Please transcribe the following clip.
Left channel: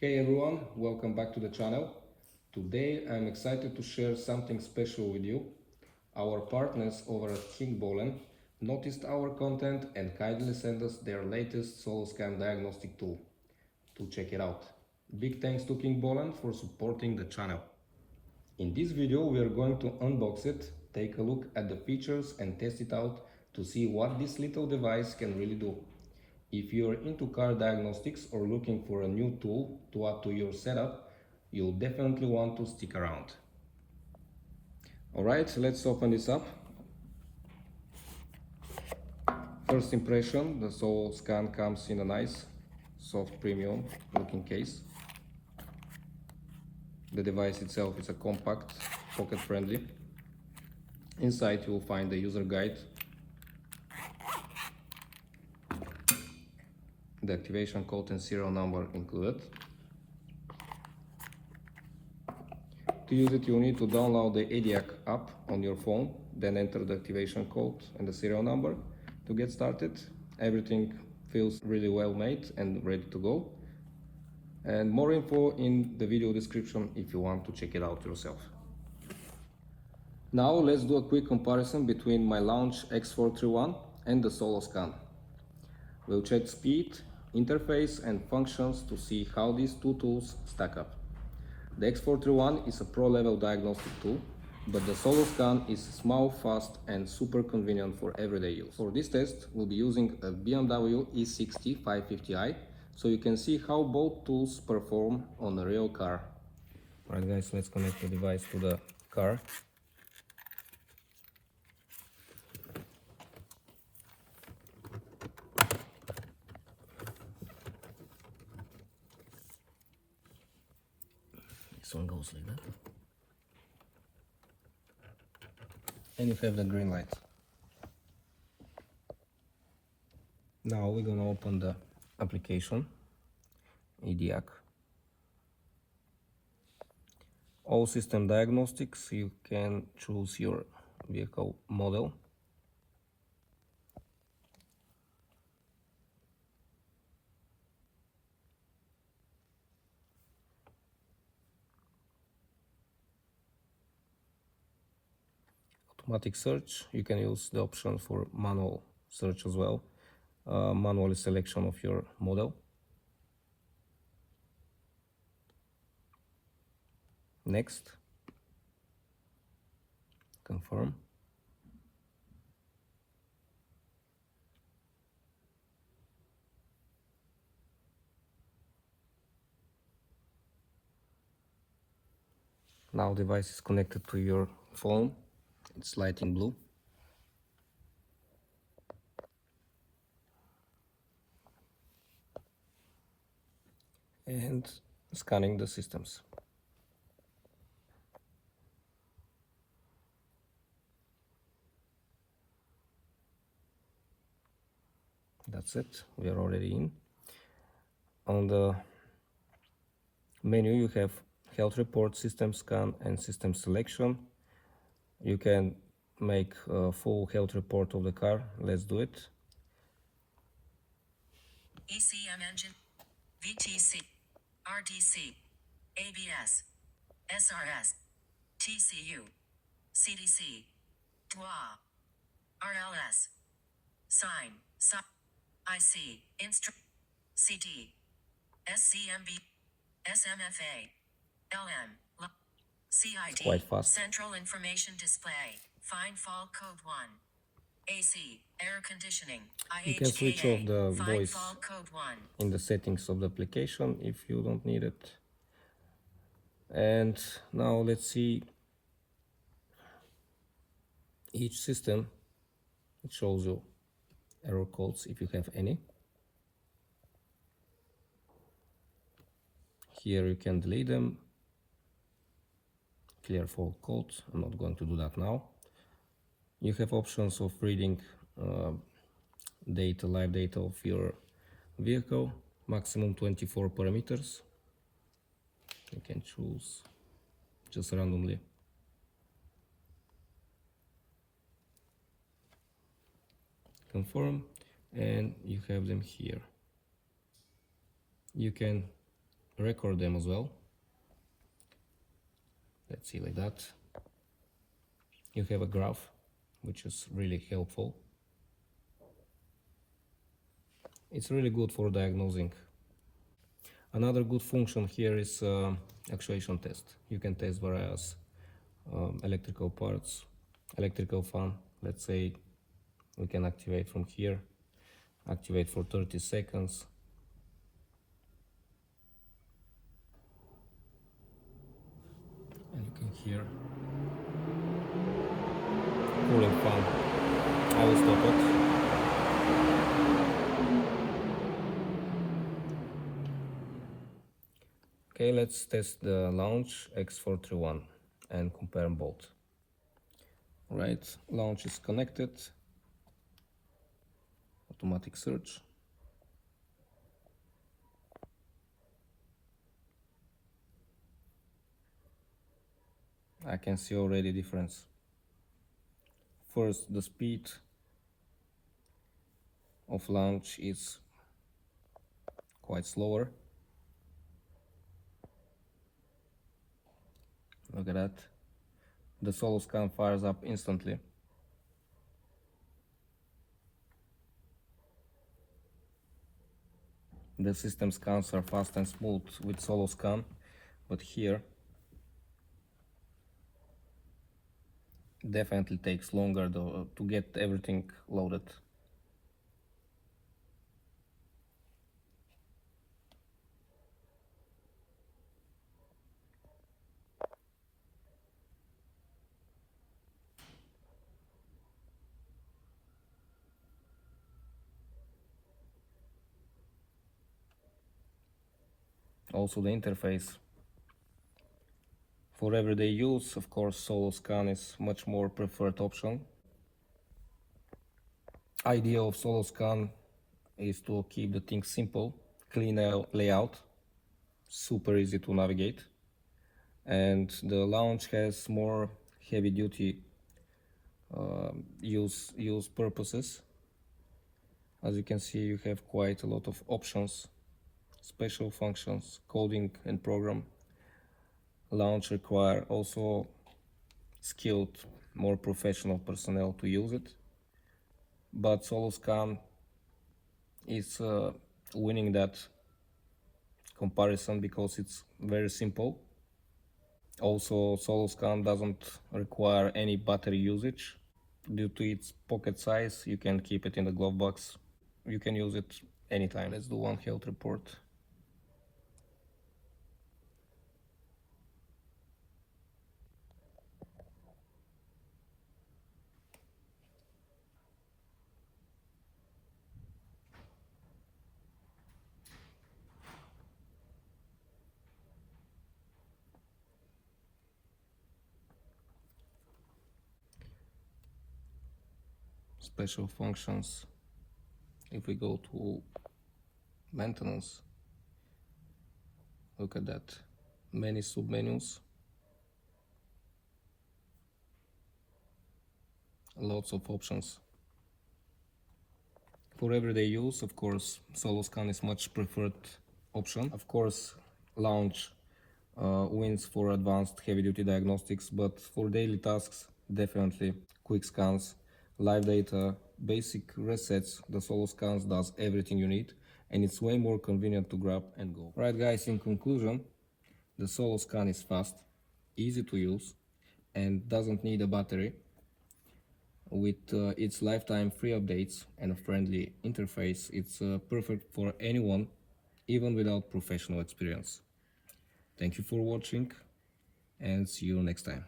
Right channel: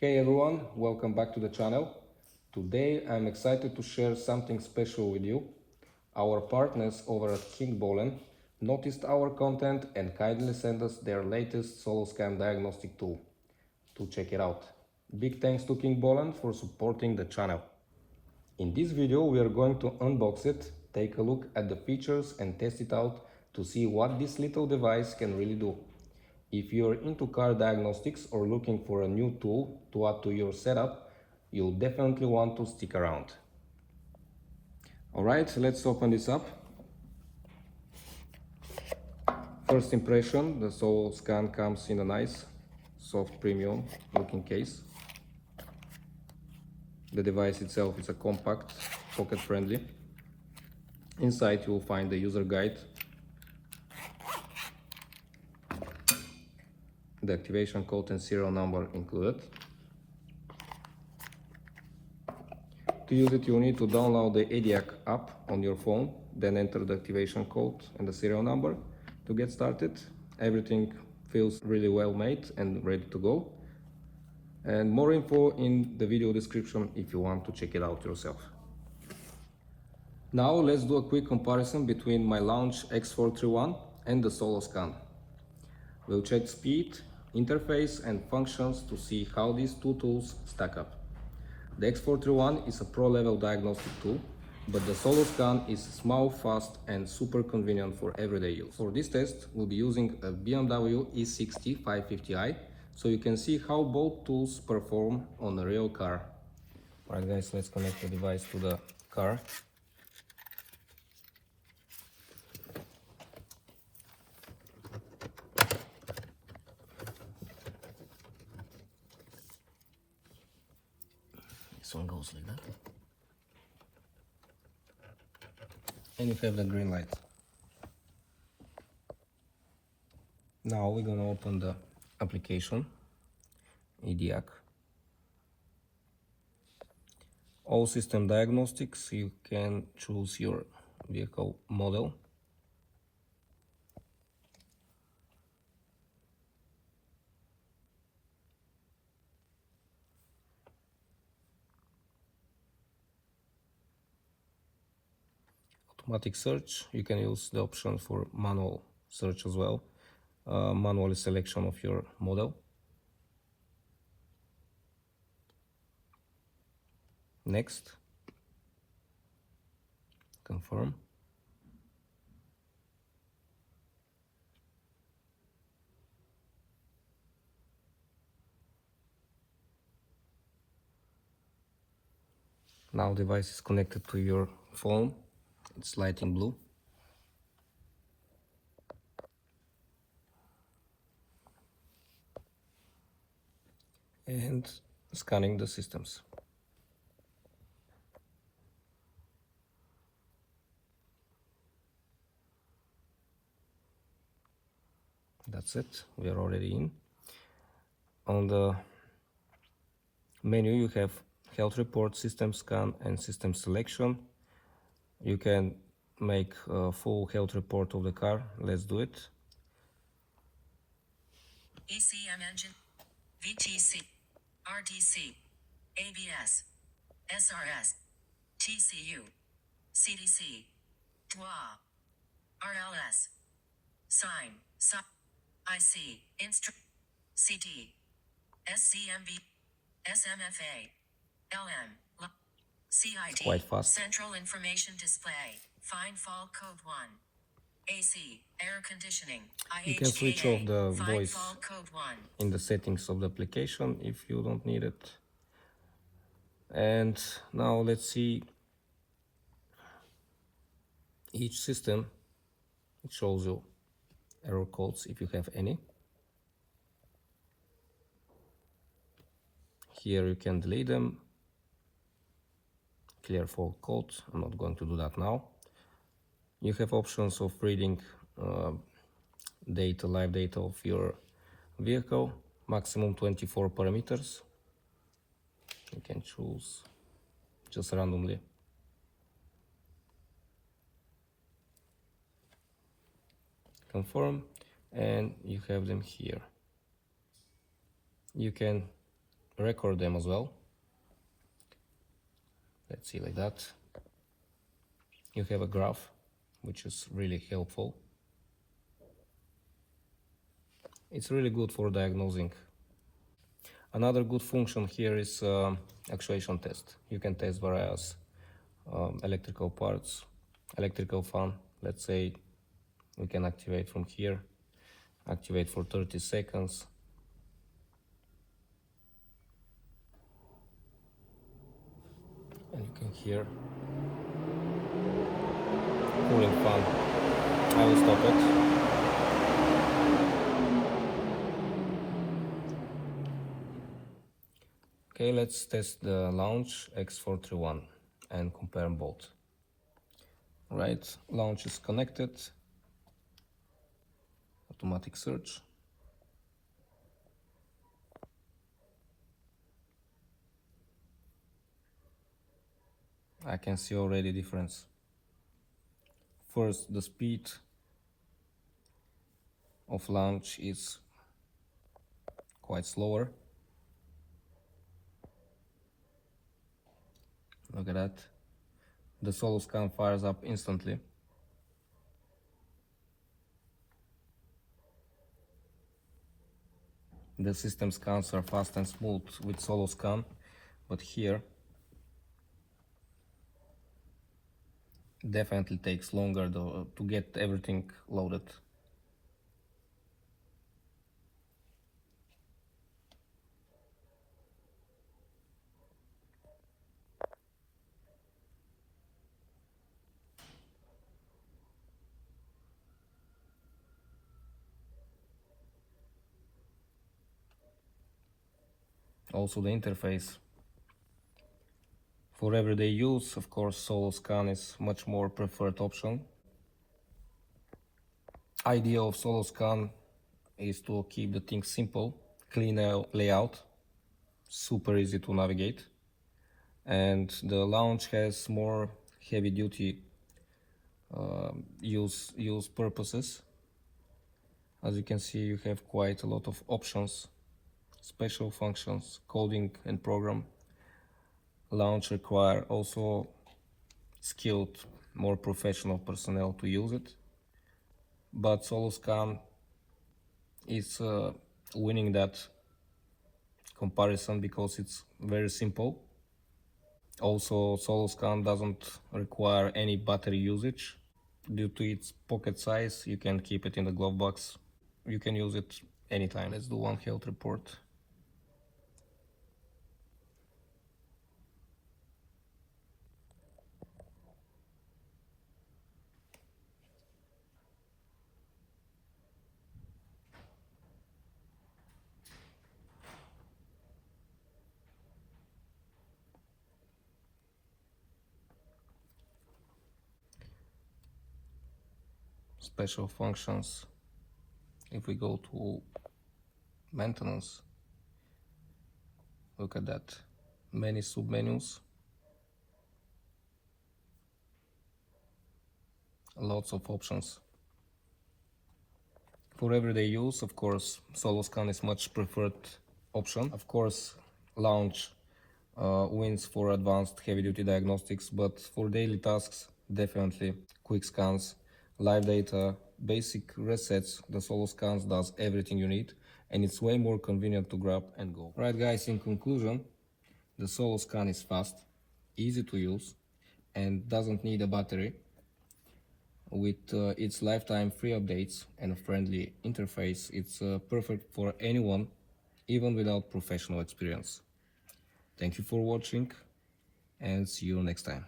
Hey everyone, welcome back to the channel. Today I'm excited to share something special with you. Our partners over at Kingbolen noticed our content and kindly sent us their latest Soloscan diagnostic tool to check it out. Big thanks to Kingbolen for supporting the channel. In this video we are going to unbox it, take a look at the features and test it out to see what this little device can really do. If you're into car diagnostics or looking for a new tool to add to your setup, you'll definitely want to stick around. Alright, let's open this up. First impression, the Soloscan comes in a nice, soft, premium looking case. The device itself is a compact, pocket friendly. Inside you'll find the user guide, the activation code and serial number included. To use it, you'll need to download the ediag app on your phone, then enter the activation code and the serial number to get started. Everything feels really well made and ready to go. And more info in the video description if you want to check it out yourself. Now let's do a quick comparison between my Launch X431 and the Soloscan. We'll check speed, interface and functions to see how these two tools stack up. The X431 is a pro-level diagnostic tool, but the Soloscan is small, fast and super convenient for everyday use. For this test, we'll be using a BMW E60 550i, so you can see how both tools perform on a real car. Alright guys, let's connect the device to the car. This one goes like that. And you have the green light. Now we're gonna open the application, ediag. All system diagnostics, you can choose your vehicle model. Automatic search, you can use the option for manual search as well, manual selection of your model. Next, confirm. Now device is connected to your phone, it's lighting blue. And scanning the systems. That's it, we are already in. On the menu you have health report, system scan and system selection. You can make a full health report of the car. Let's do it. ECM engine, VTC, RTC, ABS, SRS, TCU, CDC, TWA, RLS, sign, IC, CD, SCMB, SMFA, LM, CID, Quite fast. Central Information Display, Fine Fall Code 1, AC, Air Conditioning, You can switch off the Fine voice Fall Code 1. in the settings of the application if you don't need it. And now let's see each system. It shows you error codes if you have any. Here you can delete them, clear fault code. I'm not going to do that now. You have options of reading data, live data of your vehicle, maximum 24 parameters. You can choose just randomly. Confirm, and you have them here. You can record them as well. Let's see, like that. You have a graph, which is really helpful. It's really good for diagnosing. Another good function here is actuation test. You can test various electrical parts, electrical fan. Let's say we can activate from here, activate for 30 seconds. And you can hear cooling fan. I will stop it. Okay, let's test the Launch X431 and compare them both. Right, Launch is connected. Automatic search. I can see already difference. First, the speed of Launch is quite slower. Look at that. The Soloscan fires up instantly. The system scans are fast and smooth with Soloscan, but here definitely takes longer to get everything loaded. Also the interface. For everyday use, of course, Soloscan is much more preferred option. Idea of Soloscan is to keep the thing simple, clean layout, super easy to navigate. And the Launch has more heavy duty use purposes. As you can see, you have quite a lot of options, special functions, coding and program. Launch require also skilled, more professional personnel to use it, but Soloscan is winning that comparison because it's very simple. Also, Soloscan doesn't require any battery usage. Due to its pocket size, you can keep it in the glove box. You can use it anytime. Let's do one health report. Special functions. If we go to maintenance, look at that, many submenus, lots of options. For everyday use, of course, Soloscan is much preferred option. Of course, Launch wins for advanced heavy-duty diagnostics, but for daily tasks, definitely quick scans, live data, basic resets, the Soloscan does everything you need, and it's way more convenient to grab and go. Right guys, in conclusion, the Soloscan is fast, easy to use, and doesn't need a battery. With its lifetime free updates and a friendly interface, it's perfect for anyone, even without professional experience. Thank you for watching, and see you next time.